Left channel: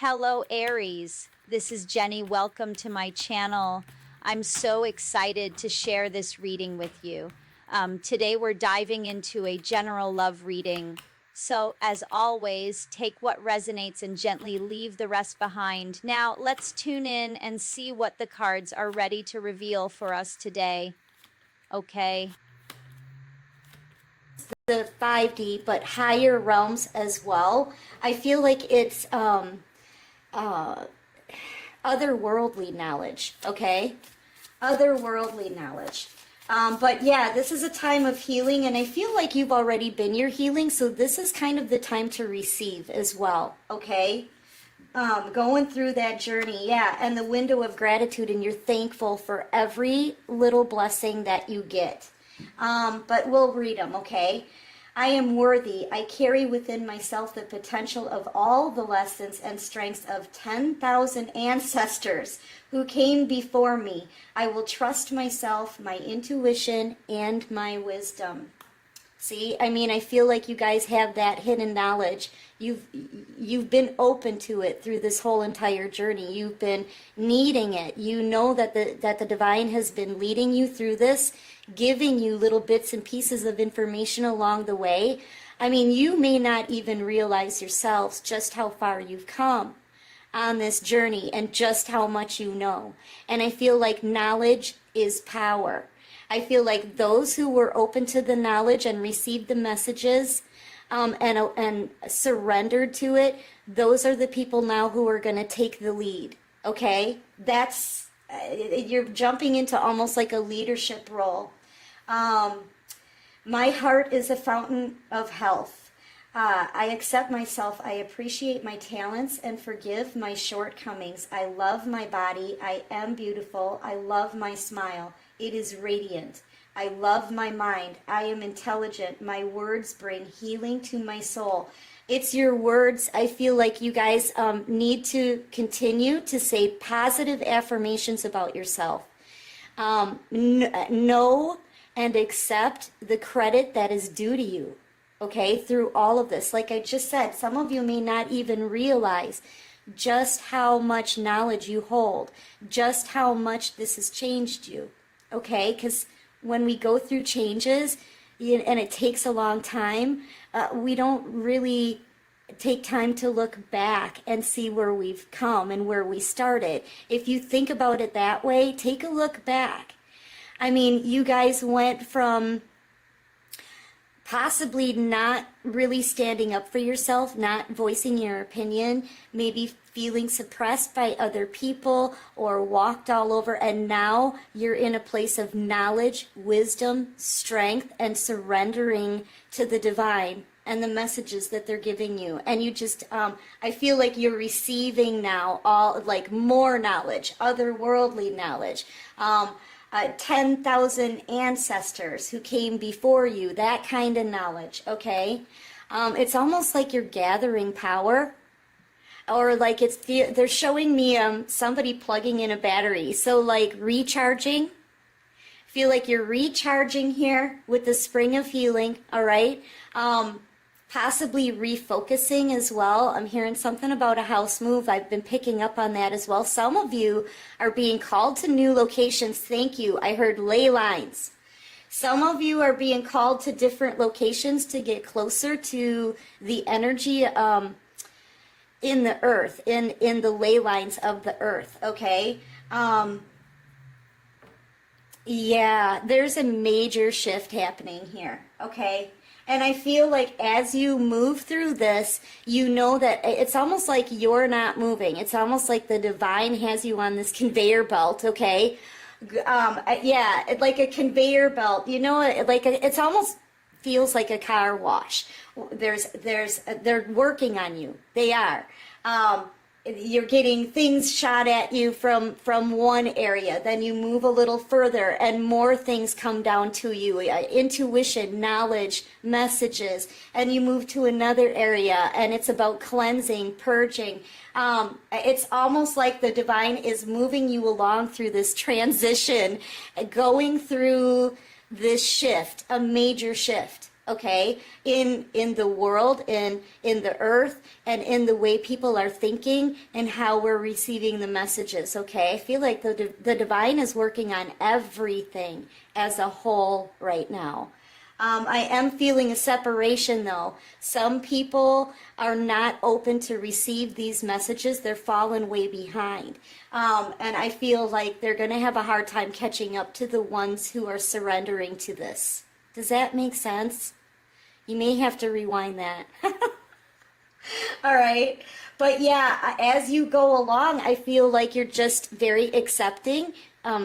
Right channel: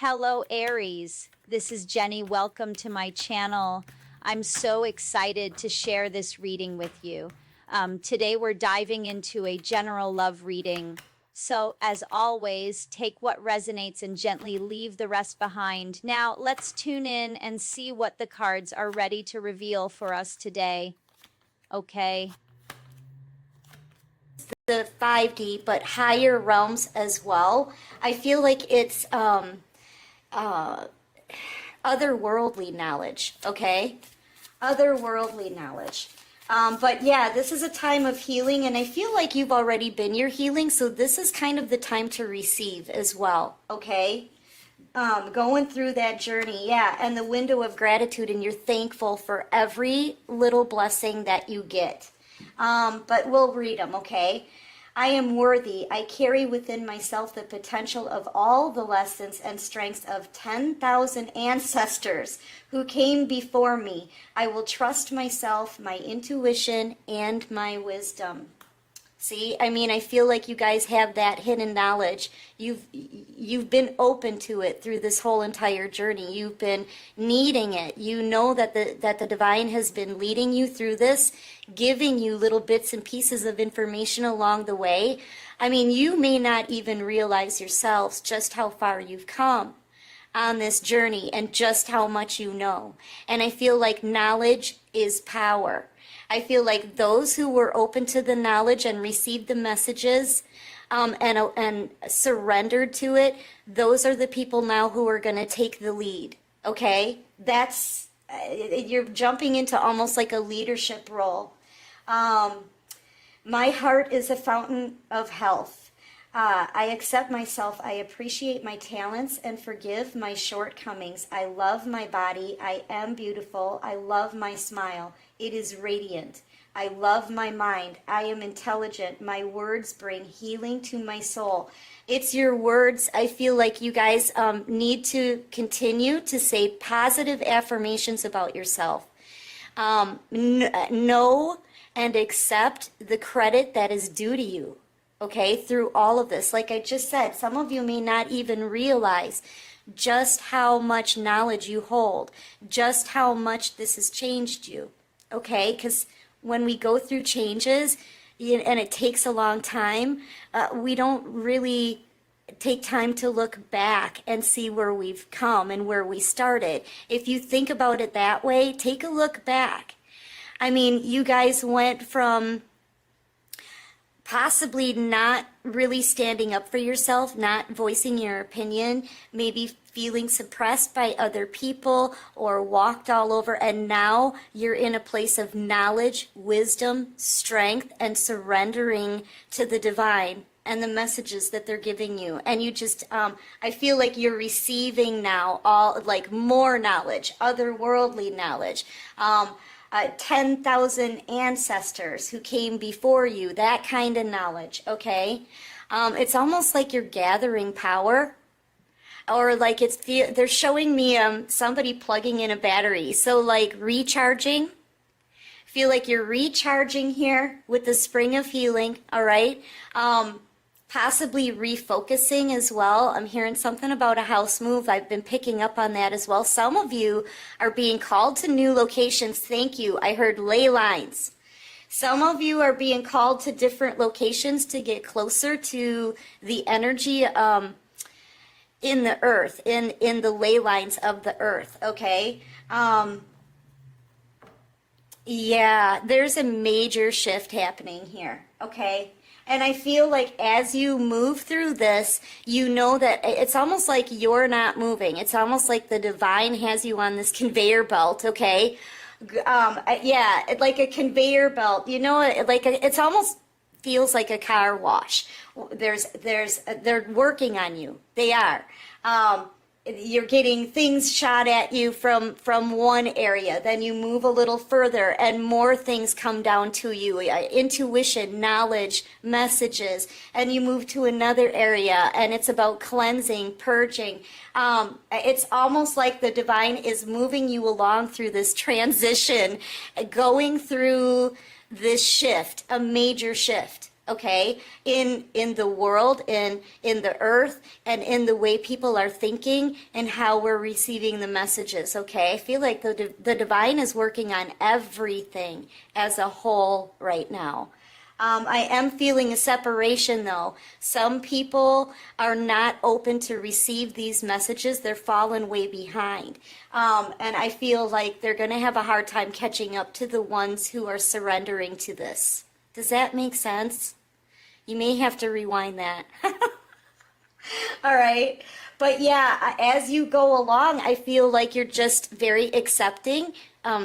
Hello, Aries. This is Jenny. Welcome to my channel. I'm so excited to share this reading with you. Today, we're diving into a general love reading. So, as always, take what resonates and gently leave the rest behind. Now, let's tune in and see what the cards are ready to reveal for us today. Okay. The 5D, but higher realms as well. I feel like it's otherworldly knowledge, okay? Otherworldly knowledge. But yeah, this is a time of healing, and I feel like you've already been your healing, so this is kind of the time to receive as well, okay? Going through that journey, yeah, and the window of gratitude, and you're thankful for every little blessing that you get. But we'll read them, okay? I am worthy. I carry within myself the potential of all the lessons and strengths of 10,000 ancestors who came before me. I will trust myself, my intuition, and my wisdom. See, I mean, I feel like you guys have that hidden knowledge. You've been open to it through this whole entire journey. You've been needing it. You know that the divine has been leading you through this, giving you little bits and pieces of information along the way. I mean, you may not even realize yourselves just how far you've come on this journey and just how much you know. And I feel like knowledge is power. I feel like those who were open to the knowledge and received the messages and surrendered to it, those are the people now who are going to take the lead, okay? You're jumping into almost like a leadership role. My heart is a fountain of health. I accept myself. I appreciate my talents and forgive my shortcomings. I love my body. I am beautiful. I love my smile. It is radiant. I love my mind. I am intelligent. My words bring healing to my soul. It's your words. I feel like you guys need to continue to say positive affirmations about yourself. Know and accept the credit that is due to you, okay, through all of this. Like I just said, some of you may not even realize just how much knowledge you hold, just how much this has changed you. Okay, because when we go through changes, and it takes a long time, we don't really take time to look back and see where we've come and where we started. If you think about it that way, take a look back. I mean, you guys went from possibly not really standing up for yourself, not voicing your opinion, maybe feeling suppressed by other people or walked all over, and now you're in a place of knowledge, wisdom, strength, and surrendering to the divine and the messages that they're giving you. And you just, I feel like you're receiving now all, like, more knowledge, otherworldly knowledge. 10,000 ancestors who came before you, that kind of knowledge, okay? It's almost like you're gathering power, or like they're showing me somebody plugging in a battery, so like recharging. Feel like you're recharging here with the spring of healing, all right? Possibly refocusing as well. I'm hearing something about a house move. I've been picking up on that as well. Some of you are being called to new locations. Thank you. I heard ley lines. Some of you are being called to different locations to get closer to the energy in the earth, in the ley lines of the earth, okay? Yeah, there's a major shift happening here, okay? And I feel like as you move through this, you know that it's almost like you're not moving. It's almost like the divine has you on this conveyor belt, okay? Yeah, like a conveyor belt. You know, it's almost feels like a car wash. They're working on you. They are. You're getting things shot at you from one area, then you move a little further and more things come down to you, intuition, knowledge, messages, and you move to another area and it's about cleansing, purging. It's almost like the divine is moving you along through this transition, going through this shift, a major shift. okay, in the world, in the earth, and in the way people are thinking and how we're receiving the messages, okay? I feel like the divine is working on everything as a whole right now. I am feeling a separation, though. Some people are not open to receive these messages. They're falling way behind. And I feel like they're going to have a hard time catching up to the ones who are surrendering to this. Does that make sense? You may have to rewind that. All right. But yeah, as you go along, I feel like you're just very accepting.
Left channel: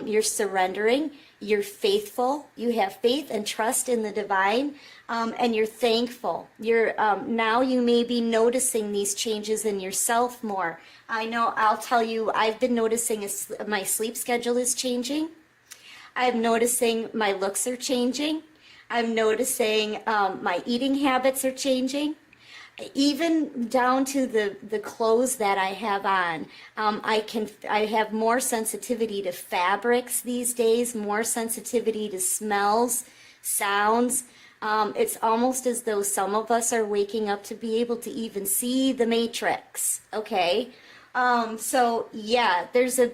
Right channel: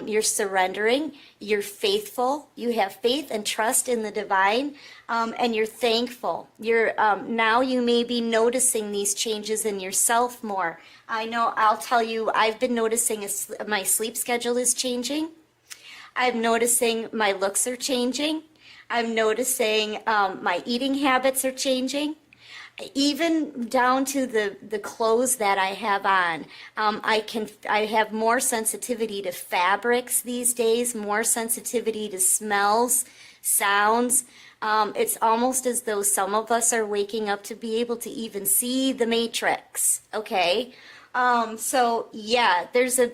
You're surrendering. You're faithful. You have faith and trust in the divine, and you're thankful. You're now you may be noticing these changes in yourself more. I know. I'll tell you. I've been noticing my sleep schedule is changing. I'm noticing my looks are changing. I'm noticing my eating habits are changing. Even down to the clothes that I have on, I have more sensitivity to fabrics these days, more sensitivity to smells, sounds. It's almost as though some of us are waking up to be able to even see the matrix. Okay, so yeah, there's a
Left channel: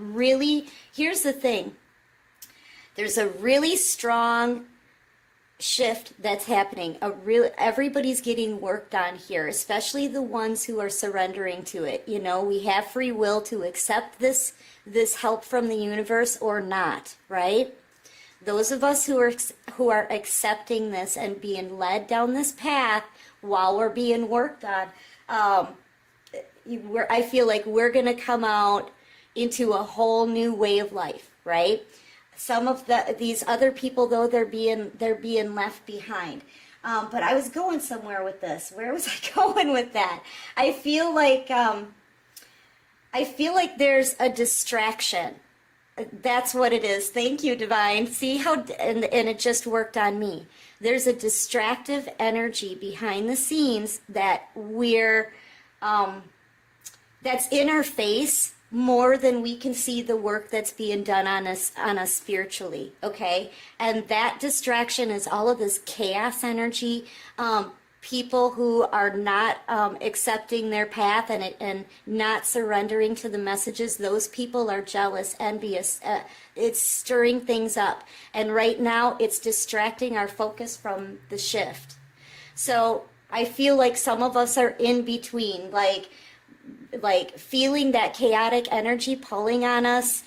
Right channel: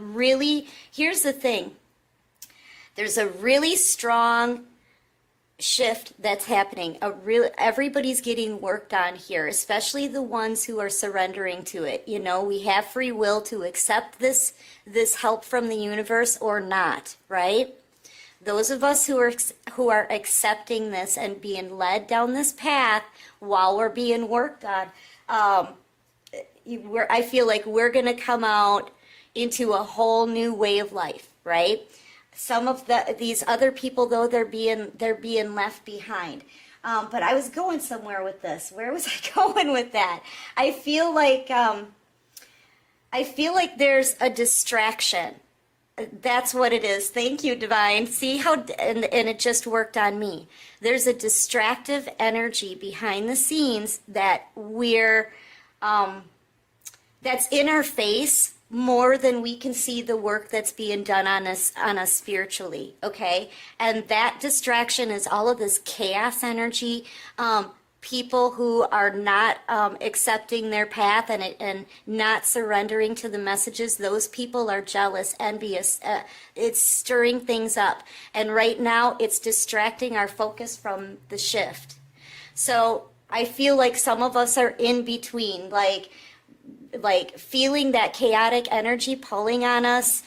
really, here's the thing. There's a really strong shift that's happening. Everybody's getting worked on here, especially the ones who are surrendering to it. You know, we have free will to accept this help from the universe or not, right? Those of us who are accepting this and being led down this path while we're being worked on, I feel like we're going to come out into a whole new way of life, right? Some of these other people, though, they're being left behind. But I was going somewhere with this. Where was I going with that? I feel like there's a distraction. That's what it is. Thank you, Divine. See how, and it just worked on me. There's a distractive energy behind the scenes that that's in our face more than we can see the work that's being done on us spiritually, okay? And that distraction is all of this chaos energy, people who are not accepting their path and not surrendering to the messages. Those people are jealous, envious. It's stirring things up. And right now, it's distracting our focus from the shift. So I feel like some of us are in between, like feeling that chaotic energy pulling on us,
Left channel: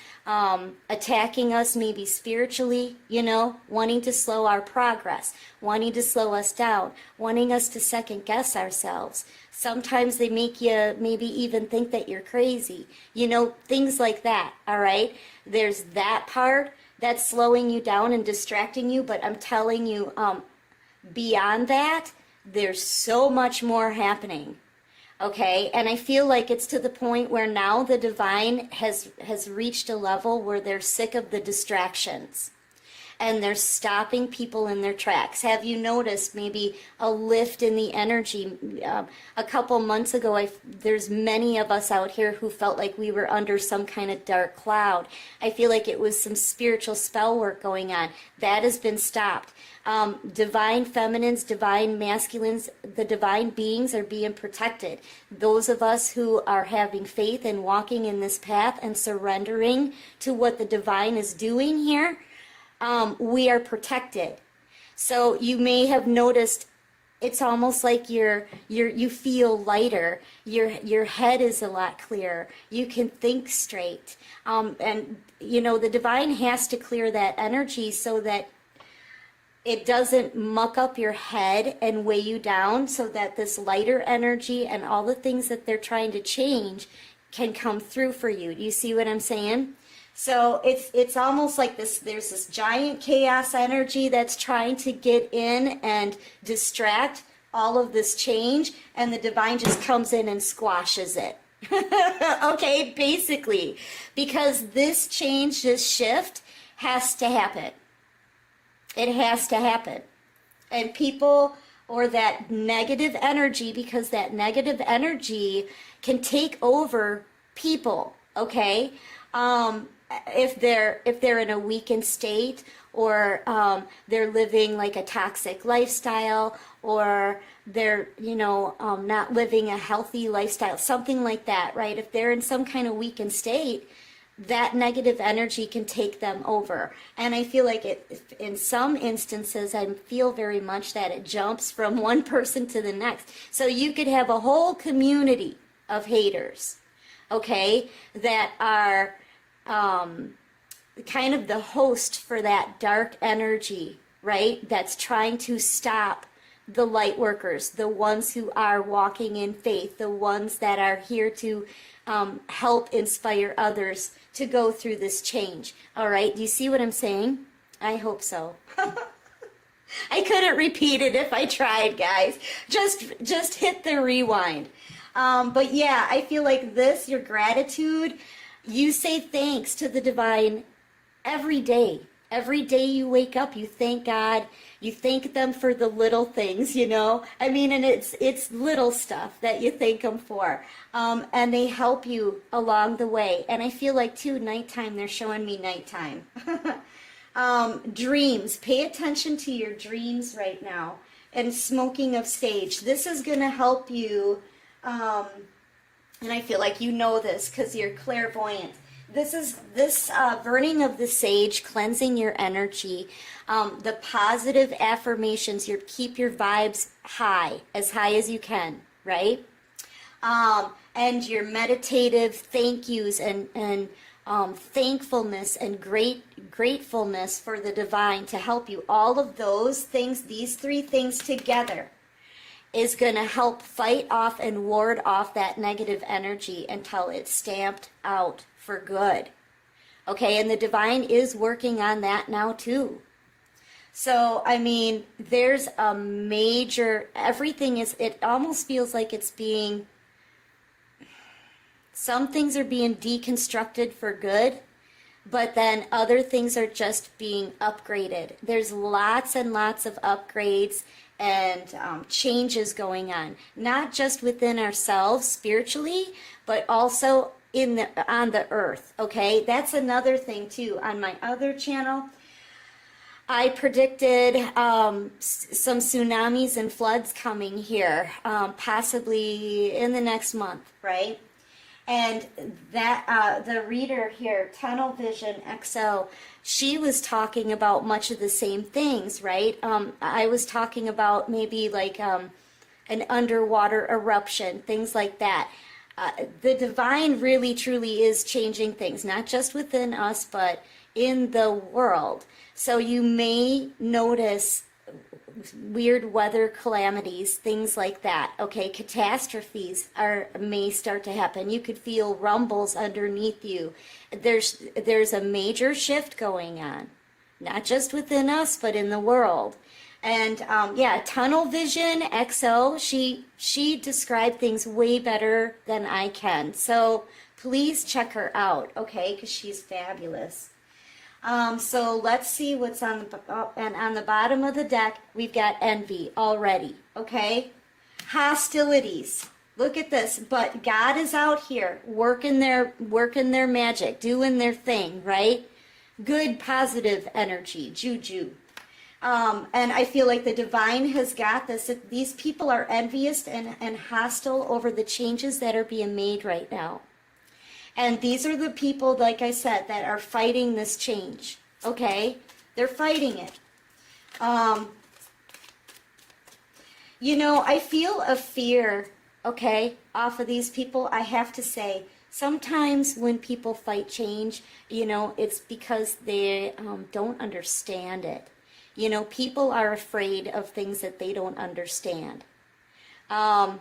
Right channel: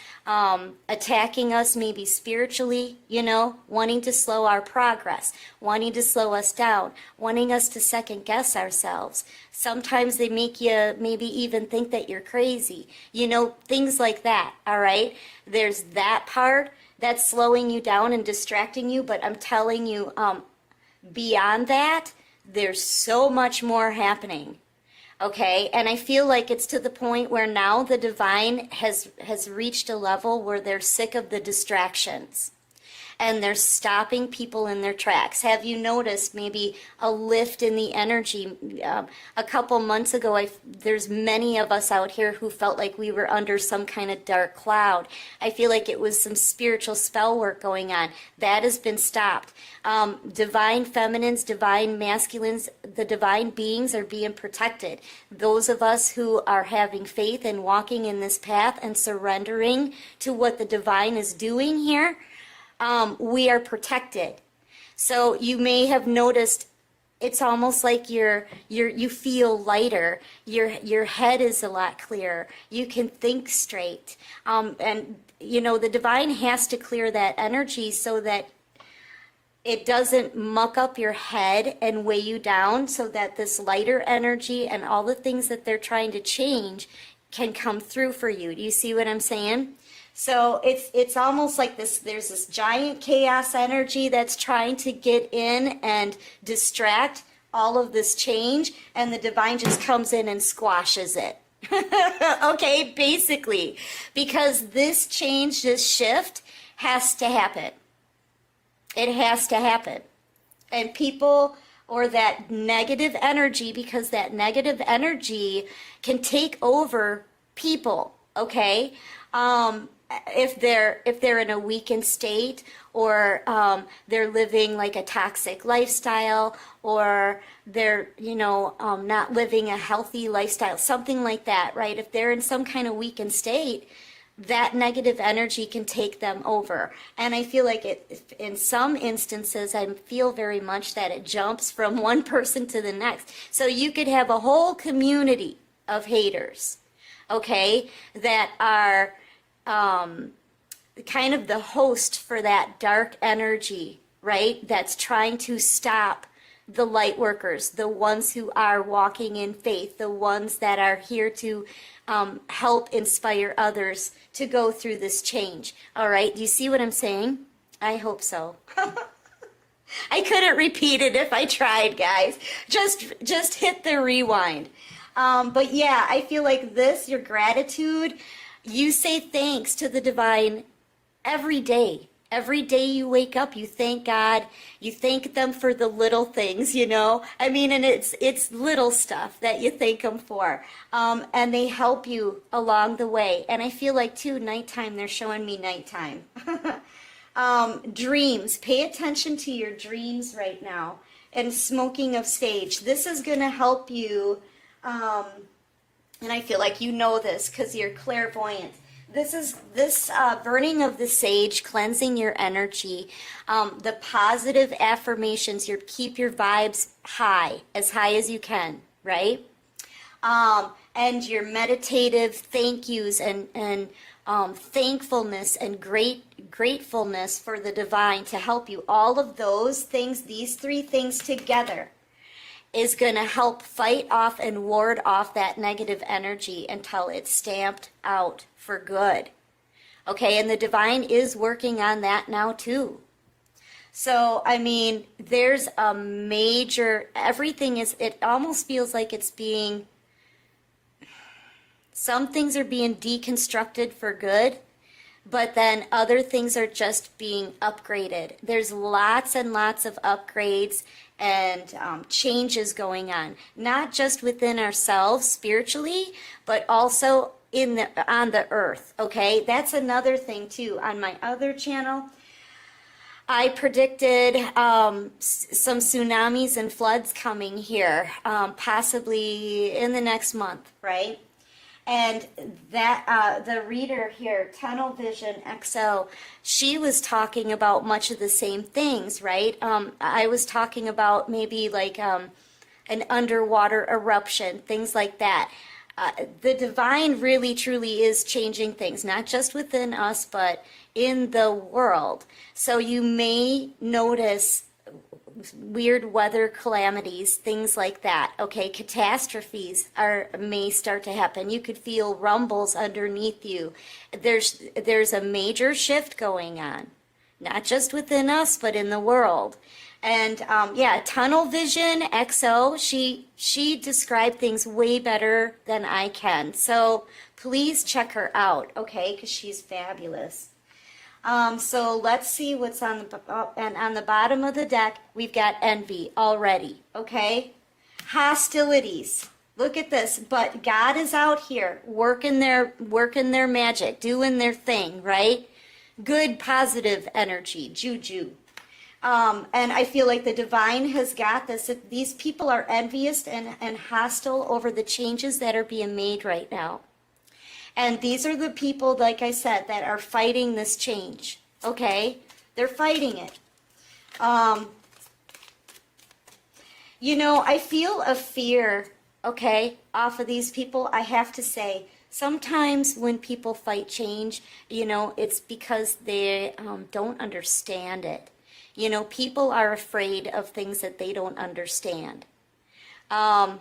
attacking us maybe spiritually, you know, wanting to slow our progress, wanting to slow us down, wanting us to second guess ourselves. Sometimes they make you maybe even think that you're crazy, you know, things like that, all right? There's that part that's slowing you down and distracting you, but I'm telling you, beyond that, there's so much more happening. Okay, and I feel like it's to the point where now the divine has reached a level where they're sick of the distractions and they're stopping people in their tracks. Have you noticed maybe a lift in the energy? A couple months ago, there's many of us out here who felt like we were under some kind of dark cloud. I feel like it was some spiritual spell work going on. That has been stopped. Divine feminines, divine masculines, the divine beings are being protected. Those of us who are having faith and walking in this path and surrendering to what the divine is doing here, we are protected. So you may have noticed it's almost like you feel lighter. Your head is a lot clearer. You can think straight. And you know, the divine has to clear that energy so that it doesn't muck up your head and weigh you down, so that this lighter energy and all the things that they're trying to change can come through for you. Do you see what I'm saying? So it's almost like this. There's this giant chaos energy that's trying to get in and distract all of this change, and the divine just comes in and squashes it. Okay, basically, because this change, this shift has to happen. It has to happen. And people, or that negative energy, because that negative energy can take over people, okay? if they're in a weakened state, or they're living like a toxic lifestyle, or they're not living a healthy lifestyle, something like that, right? If they're in some kind of weakened state, that negative energy can take them over. And I feel like in some instances, I feel very much that it jumps from one person to the next. So you could have a whole community of haters, okay, that are kind of the host for that dark energy, right? That's trying to stop the light workers, the ones who are walking in faith, the ones that are here to help inspire others to go through this change. All right, do you see what I'm saying? I hope so. I couldn't repeat it if I tried, guys. Just hit the rewind. But yeah, I feel like this, your gratitude, you say thanks to the divine every day. Every day you wake up, you thank God. You thank them for the little things, I mean, and it's little stuff that you thank them for. And they help you along the way. And I feel like, too, nighttime, they're showing me nighttime. Dreams. Pay attention to your dreams right now. And smoking of sage. This is going to help you. And I feel like you know this because you're clairvoyant. This burning of the sage, cleansing your energy, the positive affirmations, keep your vibes high as you can, right? And your meditative thank yous and thankfulness and gratefulness for the divine to help you. All of those things, these three things together, is going to help fight off and ward off that negative energy until it's stamped out for good. Okay, and the divine is working on that now too. So, I mean, there's a major, it almost feels like some things are being deconstructed for good, but then other things are just being upgraded. There's lots and lots of upgrades and changes going on, not just within ourselves spiritually, but also on the earth. Okay, that's another thing too. On my other channel, I predicted some tsunamis and floods coming here, possibly in the next month, right? And that the reader here, Tunnel Vision XO, she was talking about much of the same things, right? I was talking about maybe like an underwater eruption, things like that. The divine really truly is changing things, not just within us, but in the world. So you may notice weird weather calamities, things like that. Okay, catastrophes may start to happen. You could feel rumbles underneath you. There's a major shift going on, not just within us, but in the world. And Tunnel Vision XO, she described things way better than I can. So please check her out, okay? Because she's fabulous. So let's see what's on the bottom of the deck. We've got envy already, okay? Hostilities. Look at this. But God is out here working their magic, doing their thing, right? Good, positive energy, juju. And I feel like the divine has got this. These people are envious and hostile over the changes that are being made right now. And these are the people, like I said, that are fighting this change. Okay? They're fighting it. I feel a fear, okay, off of these people. I have to say, sometimes when people fight change, it's because they don't understand it. People are afraid of things that they don't understand. And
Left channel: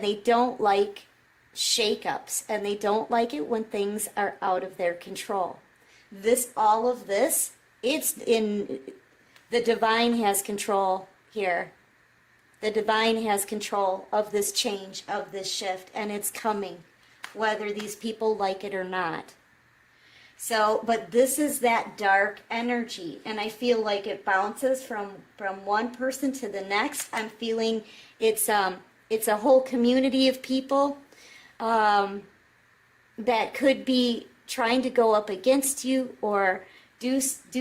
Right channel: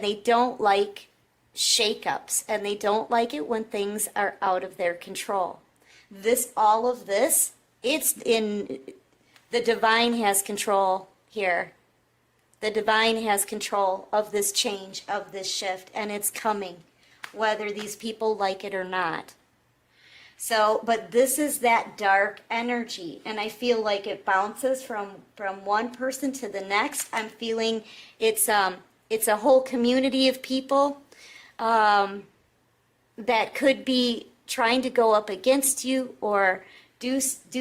they don't like shakeups, and they don't like it when things are out of their control. All of this, the divine has control here. The divine has control of this change, of this shift, and it's coming, whether these people like it or not. So, but this is that dark energy, and I feel like it bounces from one person to the next. I'm feeling it's a whole community of people that could be trying to go up against you or do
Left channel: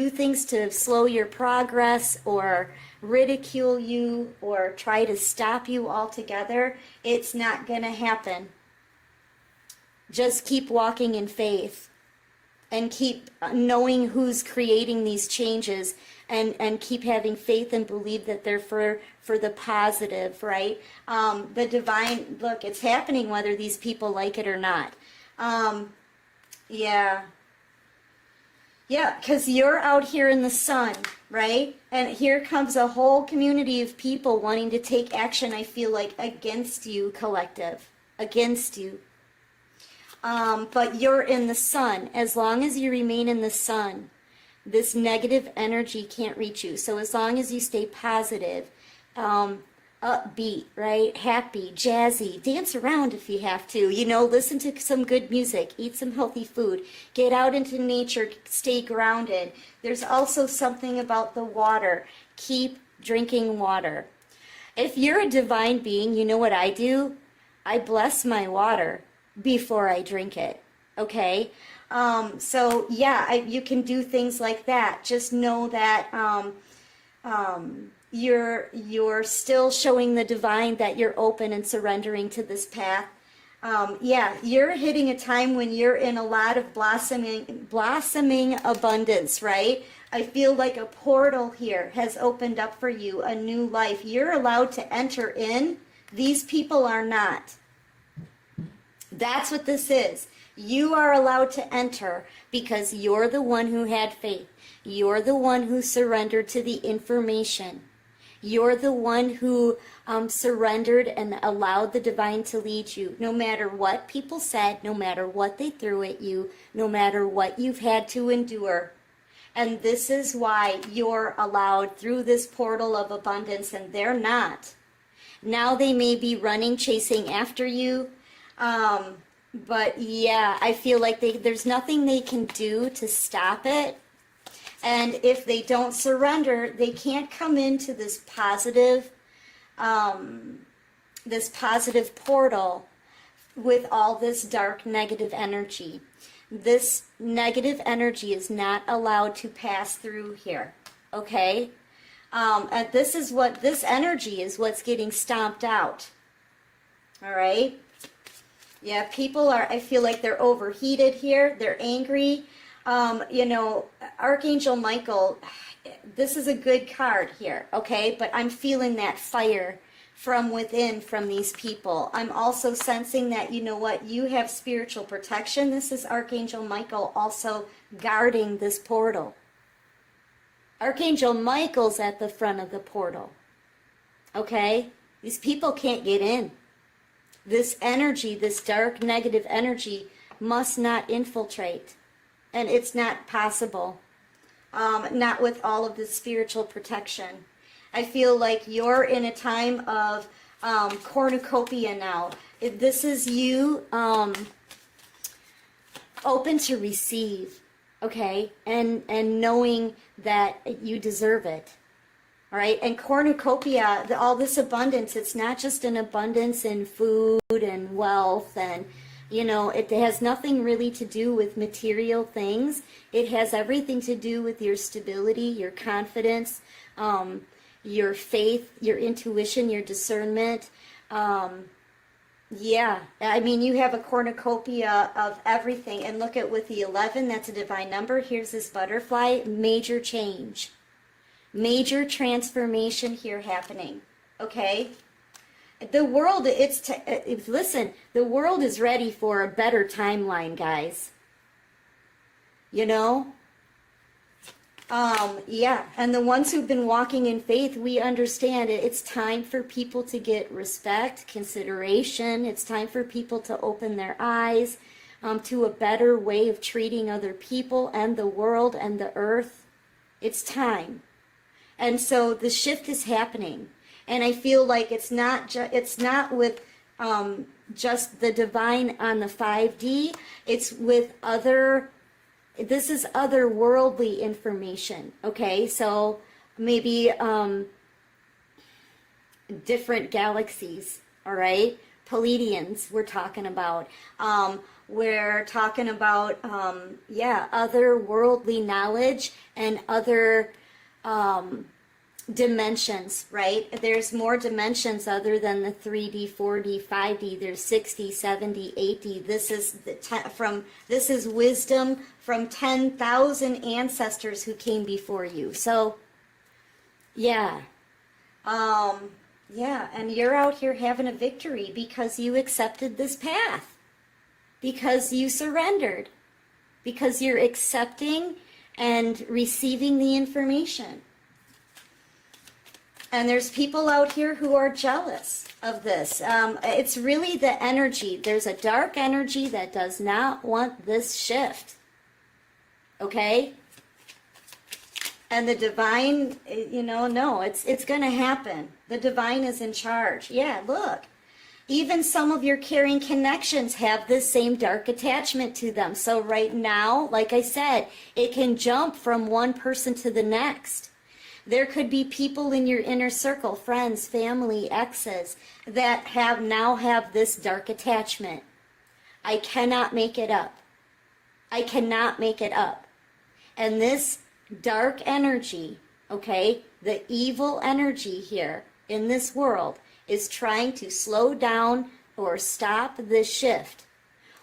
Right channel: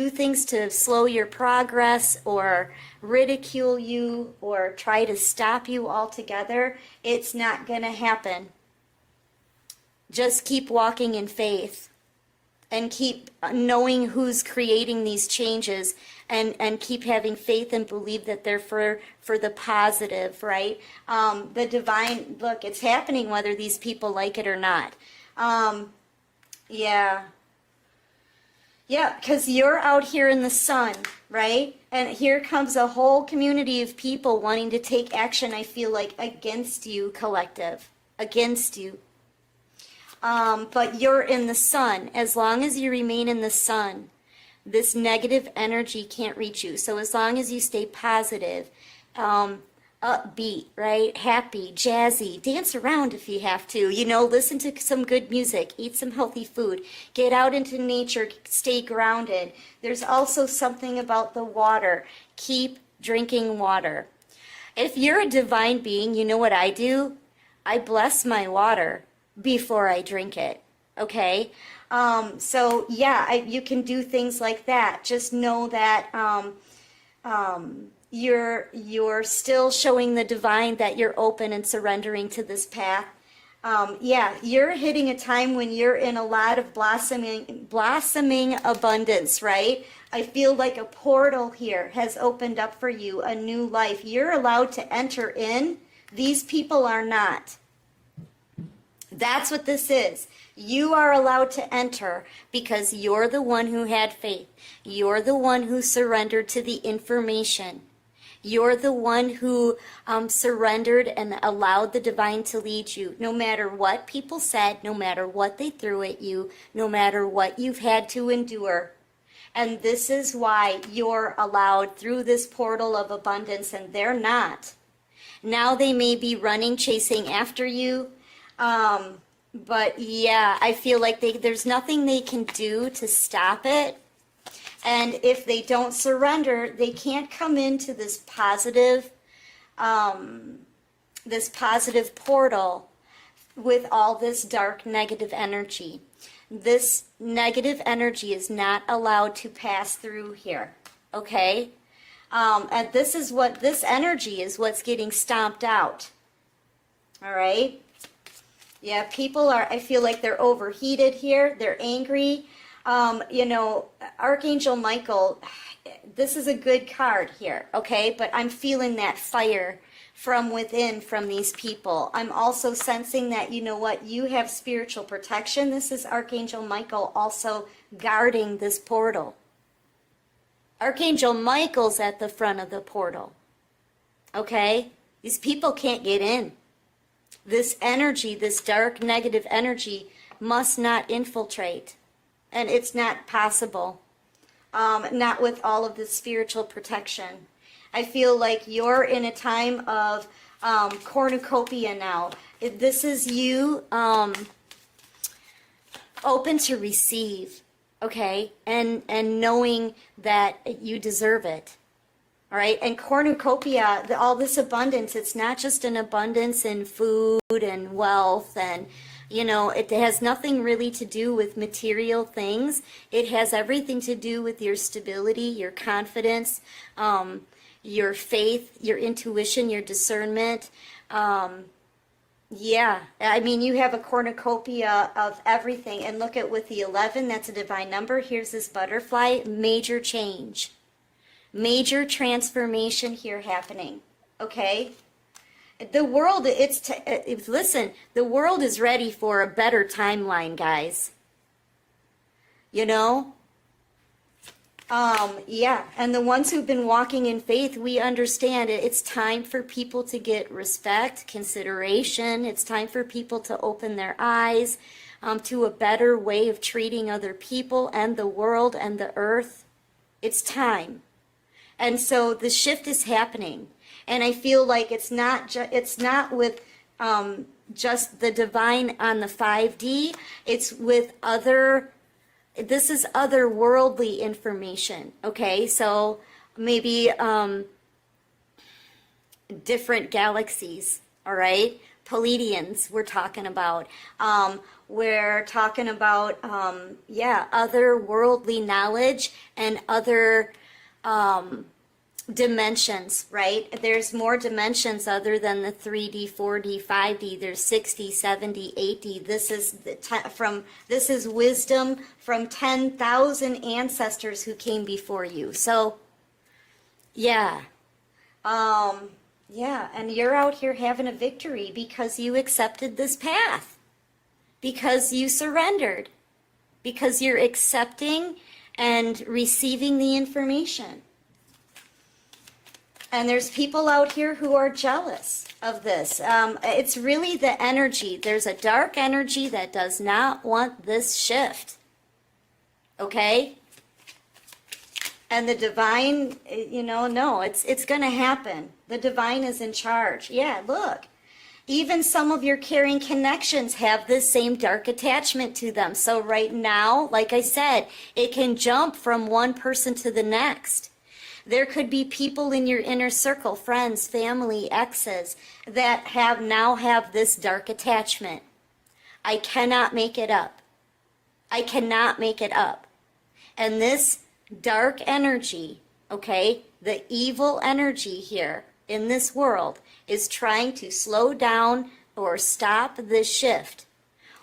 things to slow your progress or ridicule you or try to stop you altogether, it's not going to happen. Just keep walking in faith and keep knowing who's creating these changes and keep having faith and believe that they're for the positive, right? The divine, look, it's happening whether these people like it or not. Yeah. Yeah, because you're out here in the sun, right? And here comes a whole community of people wanting to take action, I feel like, against you, collective. Against you. But you're in the sun. As long as you remain in the sun, this negative energy can't reach you. So as long as you stay positive, upbeat, right? Happy, jazzy, dance around if you have to, listen to some good music, eat some healthy food, get out into nature, stay grounded. There's also something about the water. Keep drinking water. If you're a divine being, you know what I do? I bless my water before I drink it, okay? So yeah, you can do things like that. Just know that you're still showing the divine that you're open and surrendering to this path. Yeah, you're hitting a time when you're in a lot of blossoming abundance, right? I feel like a portal here has opened up for you, a new life. You're allowed to enter in. These people are not. That's what this is. You are allowed to enter because you're the one who had faith. You're the one who surrendered to the information. You're the one who surrendered and allowed the divine to lead you. No matter what people said, no matter what they threw at you, no matter what you've had to endure. And this is why you're allowed through this portal of abundance, and they're not. Now they may be running, chasing after you. But yeah, I feel like there's nothing they can do to stop it. And if they don't surrender, they can't come into this positive portal with all this dark negative energy. This negative energy is not allowed to pass through here, okay? And this energy is what's getting stomped out, all right? Yeah, people I feel like they're overheated here. They're angry. Archangel Michael, this is a good card here, okay? But I'm feeling that fire from within from these people. I'm also sensing that, you know what, you have spiritual protection. This is Archangel Michael also guarding this portal. Archangel Michael's at the front of the portal, okay? These people can't get in. This energy, this dark negative energy must not infiltrate. And it's not possible, not with all of the spiritual protection. I feel like you're in a time of cornucopia now. This is you open to receive, okay? And knowing that you deserve it. All right, and cornucopia, all this abundance, it's not just an abundance in food and wealth and, it has nothing really to do with material things. It has everything to do with your stability, your confidence, your faith, your intuition, your discernment. Yeah, I mean, you have a cornucopia of everything. And look at with the 11, that's a divine number. Here's this butterfly, major change. Major transformation here happening, okay? The world, listen, the world is ready for a better timeline, guys. Yeah, and the ones who've been walking in faith, we understand it's time for people to get respect, consideration. It's time for people to open their eyes to a better way of treating other people and the world and the earth. It's time. And so the shift is happening. And I feel like it's not with just the divine on the 5D. It's with this is otherworldly information. Okay, so maybe different galaxies. All right, Pleiadians we're talking about. We're talking about, other worldly knowledge and other dimensions, right? There's more dimensions other than the 3D, 4D, 5D. There's 6D, 7D, 8D. This is this is wisdom from 10,000 ancestors who came before you. So, yeah. And you're out here having a victory because you accepted this path. Because you surrendered. Because you're accepting and receiving the information. And there's people out here who are jealous of this. It's really the energy. There's a dark energy that does not want this shift. Okay? And the divine, no, it's going to happen. The divine is in charge. Yeah, look. Even some of your caring connections have this same dark attachment to them. So right now, like I said, it can jump from one person to the next. There could be people in your inner circle, friends, family, exes, that now have this dark attachment. I cannot make it up. I cannot make it up. And this dark energy, okay, the evil energy here in this world is trying to slow down or stop this shift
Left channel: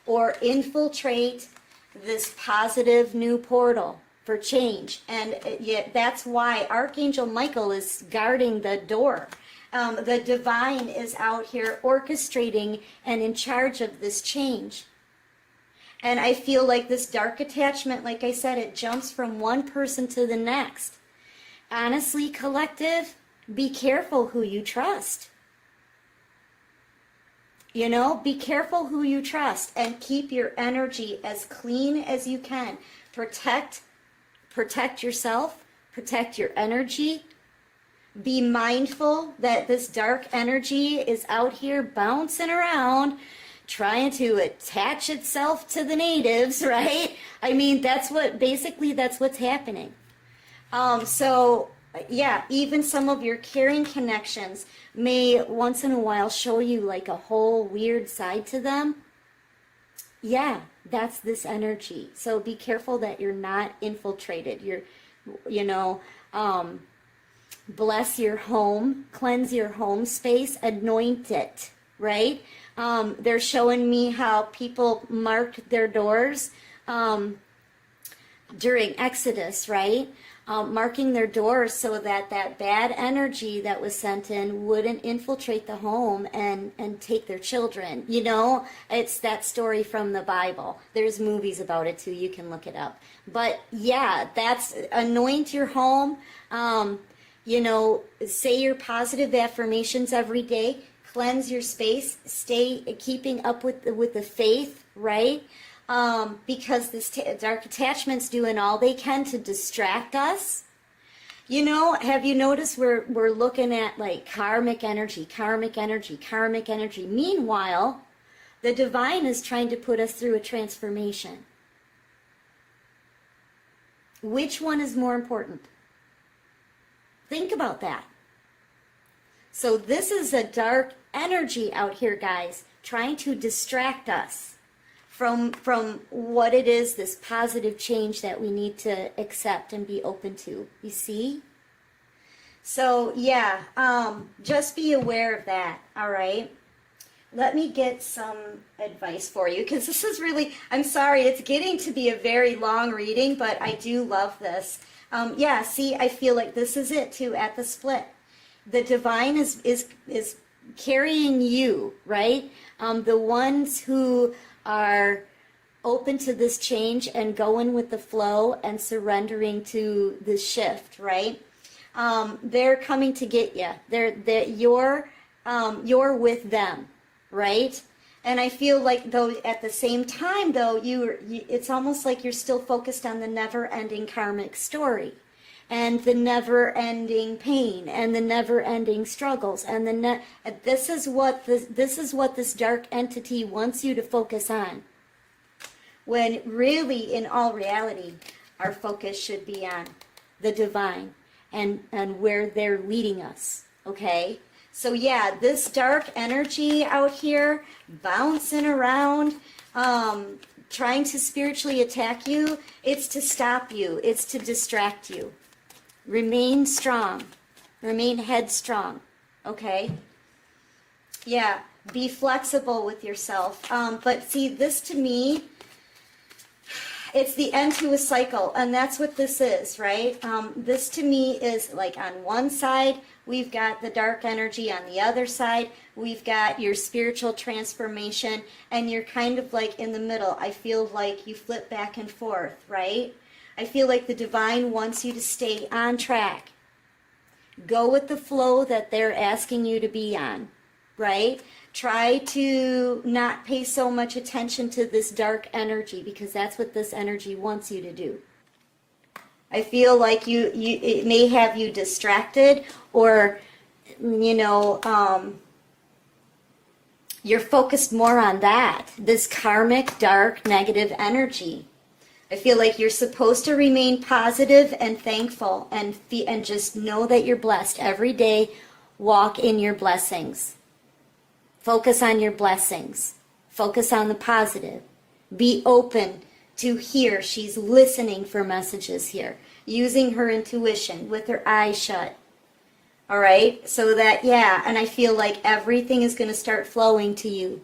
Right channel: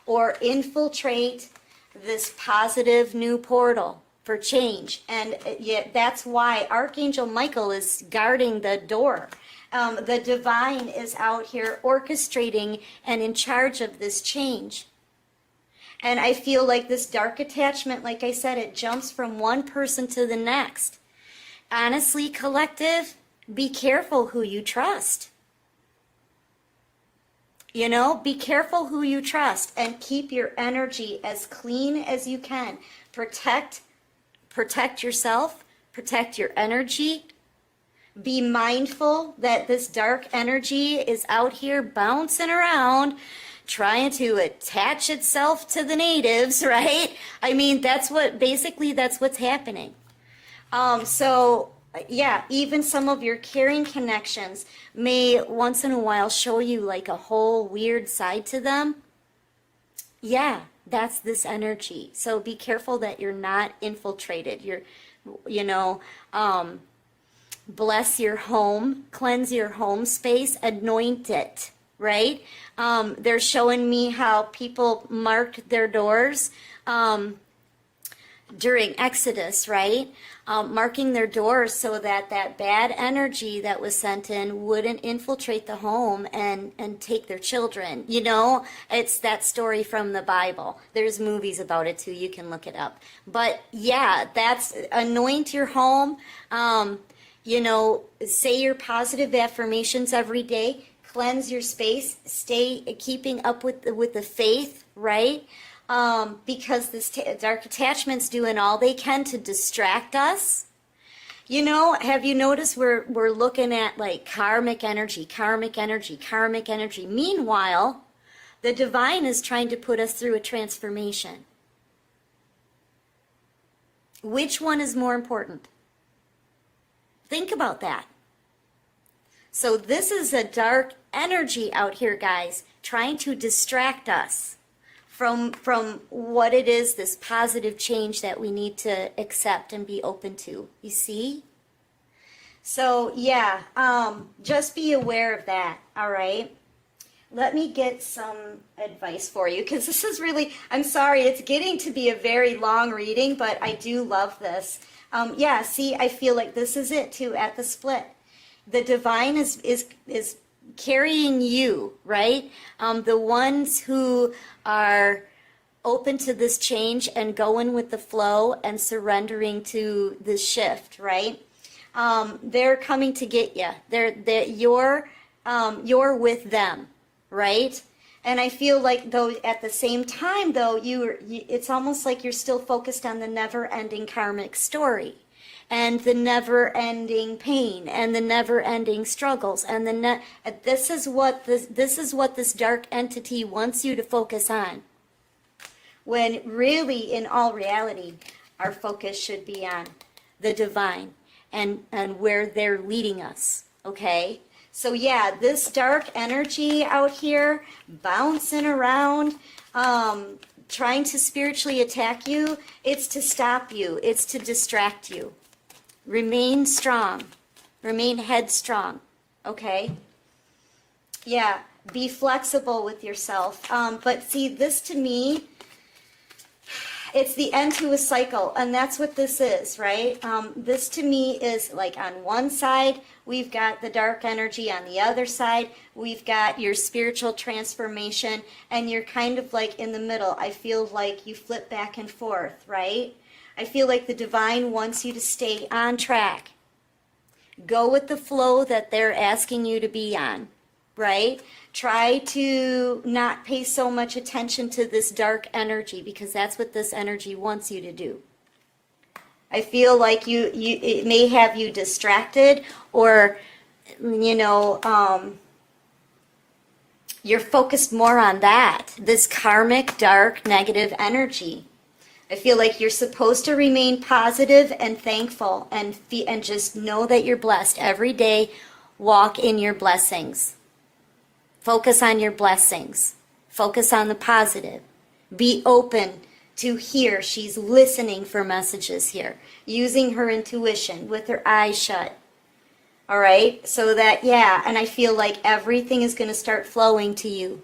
or infiltrate this positive new portal for change. And yet that's why Archangel Michael is guarding the door. The divine is out here orchestrating and in charge of this change. And I feel like this dark attachment, like I said, it jumps from one person to the next. Honestly, collective, be careful who you trust. Be careful who you trust and keep your energy as clean as you can. Protect yourself, protect your energy. Be mindful that this dark energy is out here bouncing around, trying to attach itself to the natives, right? I mean, that's what's happening. Even some of your caring connections may once in a while show you like a whole weird side to them. Yeah, that's this energy. So be careful that you're not infiltrated. Bless your home, cleanse your home space, anoint it, right? They're showing me how people mark their doors during Exodus, right? Marking their doors so that bad energy that was sent in wouldn't infiltrate the home and take their children. It's that story from the Bible. There's movies about it too. You can look it up. But yeah, that's anoint your home. Say your positive affirmations every day. Cleanse your space. Stay keeping up with the faith, right? Because this dark attachment's doing all they can to distract us. Have you noticed we're looking at like karmic energy. Meanwhile, the divine is trying to put us through a transformation. Which one is more important? Think about that. So this is a dark energy out here, guys, trying to distract us from what it is, this positive change that we need to accept and be open to. You see? So, just be aware of that, all right? Let me get some advice for you, because this is really, I'm sorry, it's getting to be a very long reading, but I do love this. See, I feel like this is it, too, at the split. The divine is carrying you, right? The ones who are open to this change and going with the flow and surrendering to the shift, right? They're coming to get you. You're with them, right? And I feel like though at the same time though it's almost like you're still focused on the never-ending karmic story. And the never-ending pain, and the never-ending struggles, and this is what this dark entity wants you to focus on. When really, in all reality, our focus should be on the divine and where they're leading us. Okay, So yeah, this dark energy out here, bouncing around, trying to spiritually attack you, it's to stop you. It's to distract you. Remain strong. Remain headstrong. Okay? Yeah, be flexible with yourself. But see, this to me, it's the end to a cycle, and that's what this is, right? This to me is like on one side, we've got the dark energy. On the other side, we've got your spiritual transformation, and you're kind of like in the middle. I feel like you flip back and forth, right? I feel like the divine wants you to stay on track. Go with the flow that they're asking you to be on, right? Try to not pay so much attention to this dark energy, because that's what this energy wants you to do. I feel like it may have you distracted, or, you're focused more on that, this karmic, dark, negative energy. I feel like you're supposed to remain positive and thankful and just know that you're blessed every day. Walk in your blessings. Focus on your blessings. Focus on the positive. Be open to hear. She's listening for messages here, using her intuition with her eyes shut. All right? So that, yeah, and I feel like everything is going to start flowing to you.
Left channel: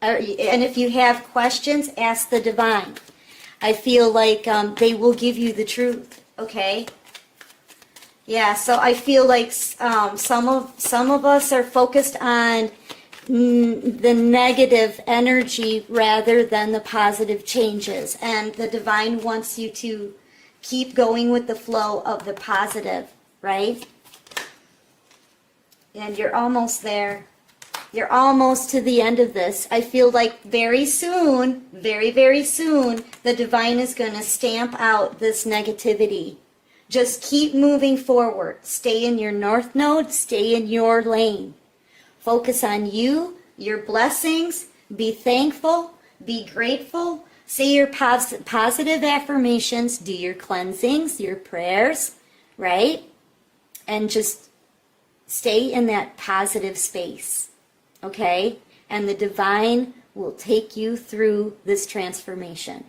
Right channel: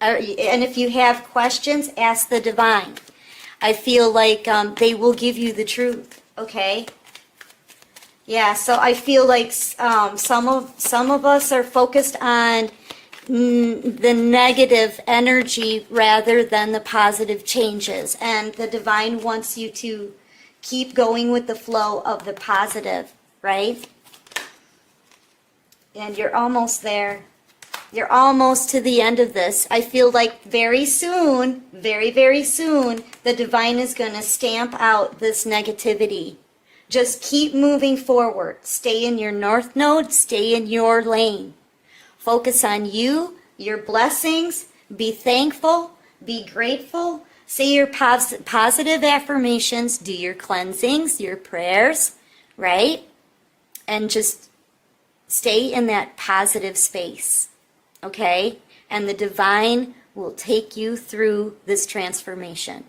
And if you have questions, ask the divine. I feel like they will give you the truth, okay? Yeah, so I feel like some of us are focused on the negative energy rather than the positive changes, and the divine wants you to keep going with the flow of the positive, right? And you're almost there. You're almost to the end of this. I feel like very soon, very, very soon, the divine is going to stamp out this negativity. Just keep moving forward. Stay in your north node. Stay in your lane. Focus on you, your blessings. Be thankful. Be grateful. Say your positive affirmations. Do your cleansings, your prayers, right? And just stay in that positive space. Okay? And the divine will take you through this transformation.